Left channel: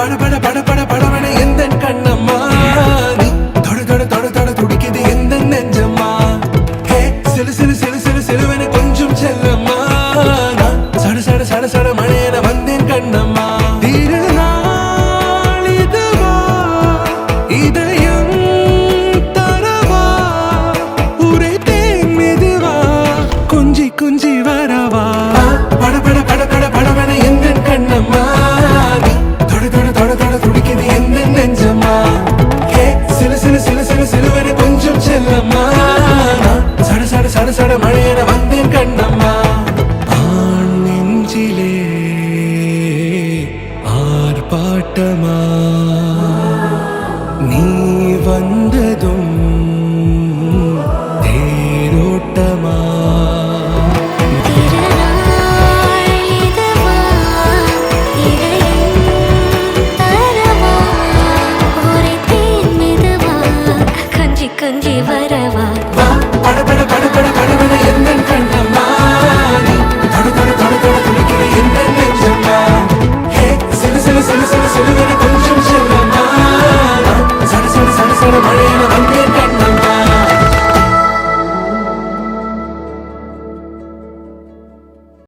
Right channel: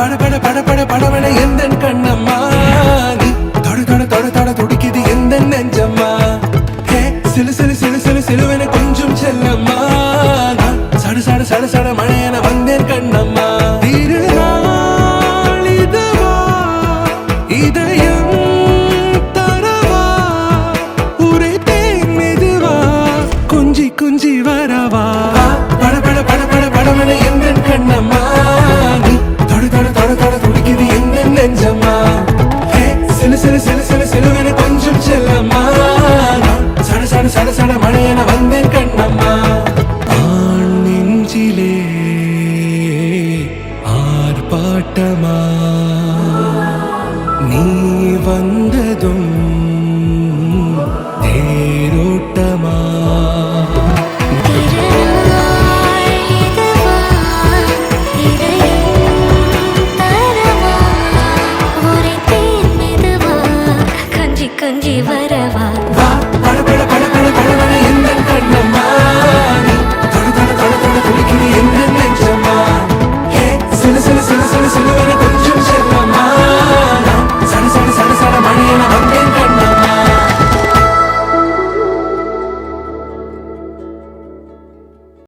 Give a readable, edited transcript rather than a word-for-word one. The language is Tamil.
பட பட பட பட படவன எந்த கண்ணம்மா நீ தொட தொட தொட தொட துடிக்குது எந்த நெஞ்சம்மா ஹே சிலு சிலு சிலு சிலு சிலுவன கொஞ்சம் செல்லம்மா நான் சட சட சட சட மழையன வந்தேன் கண்ணம்மா திருநாள் இதுவா இதயம் தரவா உரைத்தேன் மெதுவா குஞ்சி குஞ்சி வரவா பட பட பட பட படவன எந்த கண்ணம்மா நீ தொட தொட தொட தொட துடிக்குது எந்த நெஞ்சம்மா ஹே சிலு சிலு சிலு சிலு சிலுவன கொஞ்சம் செல்லம்மா நான் சட சட சட சட மழையன